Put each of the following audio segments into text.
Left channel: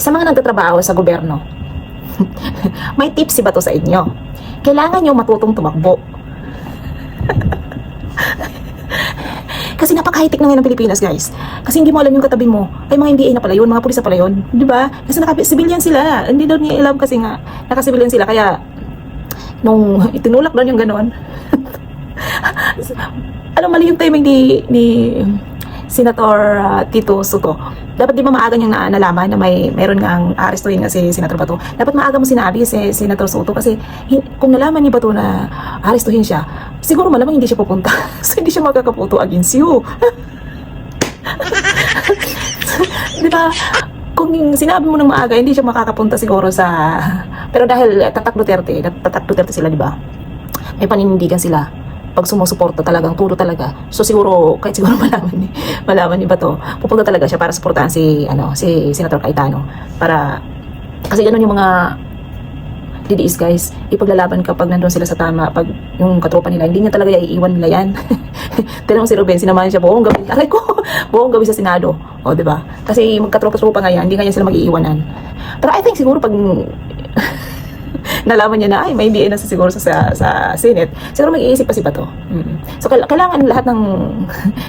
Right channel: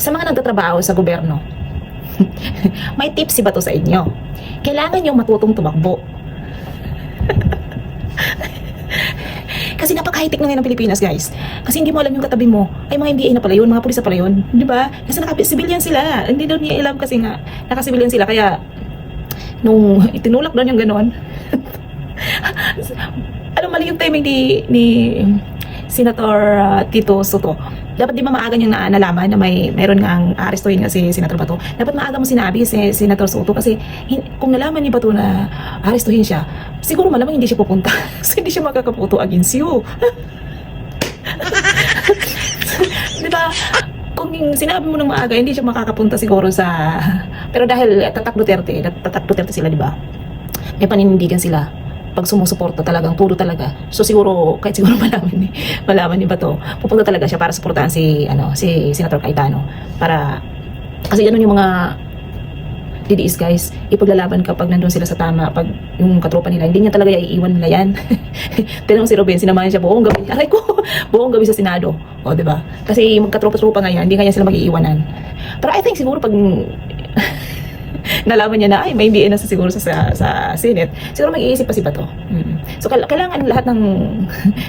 Sa mga nagtatrabaho sa gobyerno, may tips ba to sa inyo? Kailangan nyo matutong tumakbo. Kasi napaka-high-tech na ngayon ng Pilipinas, guys. Kasi hindi mo alam yung katabi mo ay mga MBA na pala yun, mga pulis na pala yun, di ba? Kasi naka-civilian sila. Hindi daw niya alam kasi nga naka-civilian sila, kaya nung itinulak doon yung ganon. Alam, mali yung timing ni Senator Tito Soto. Dapat di ba maaga niyang nalaman na mayroon nga ang arestuhin nga si Senator Bato. Dapat maaga mo sinabi si Senator Soto, kasi kung nalaman ni Bato na arestuhin siya, siguro malamang hindi siya pupunta. So hindi siya magkakaputo against you. Di ba? Kung sinabi mo ng maaga, hindi siya makakapunta siguro sa... Pero dahil tatak Duterte sila, di ba? May paninindigan sila pag sumusuporta talagang turo talaga. So siguro kahit siguro malaman ni Bato, pupunta talaga siya para suportahan si Senator Cayetano, para kasi ganun yung mga DDS, guys. Ipaglalaban kapag nandun sila sa tama, pag yung katropa nila hindi niya talaga iiwan nila yan. Tinanong si Ruben, sinamahan siya buong gabi. Aray ko, buong gabi sa Senado. O, di ba? Kasi magkatropa-tropa nga yan, hindi kanya sila mag-iiwanan. Pero I think siguro pag nalaman niya na ay may MBA na siguro sa Senate, siguro mag-iisip pa si Bato. So kailangan lahat ng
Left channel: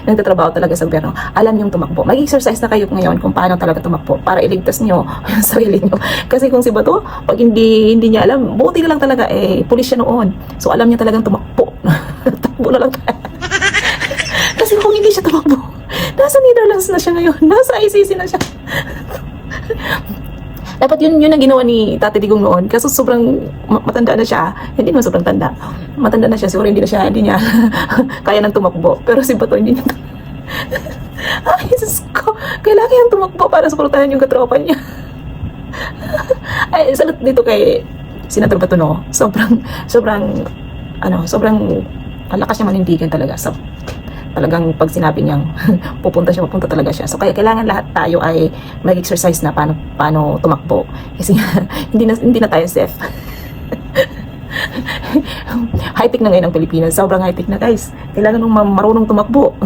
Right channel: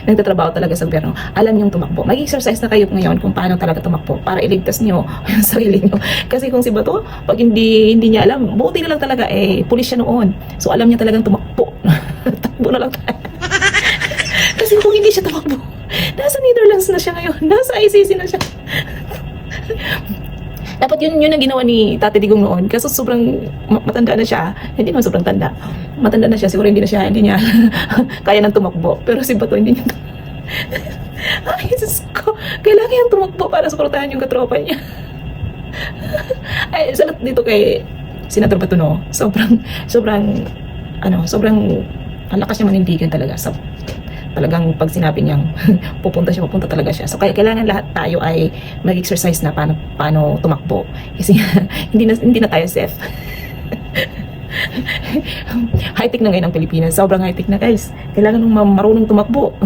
nagtatrabaho talaga sa gobyerno alam yung tumakbo. Mag-exercise na kayo ngayon kung paano talaga tumakbo para iligtas niyo yung sarili niyo. Kasi kung si Bato, pag hindi niya alam, buti na lang talaga pulis siya noon. So alam niya talagang tumakbo. Takbo na lang. Kasi kung hindi siya tumakbo, nasa Netherlands na siya ngayon, nasa ICC na siya. Dapat yun ang ginawa ni Tate Digong noon, kasi sobrang matanda na siya. Hindi naman sobrang tanda, matanda na siya, siguro hindi niya kaya nang tumakbo. Pero si Bato hindi niya ay, Jesus ko, kailangan niyang tumakbo para suportahan yung katropa niya. Ay, salut dito kay Senator Bato, no? Sobrang malakas niya manindigan talaga. So, talagang pag sinabi niyang pupunta talaga siya. So kaya kailangan lahat tayo ay mag-exercise na paano tumakbo. Kasi hindi na tayo safe. High-tech na ngayon ang Pilipinas. Sobrang high-tech na, guys. Kailangan nung marunong tumakbo.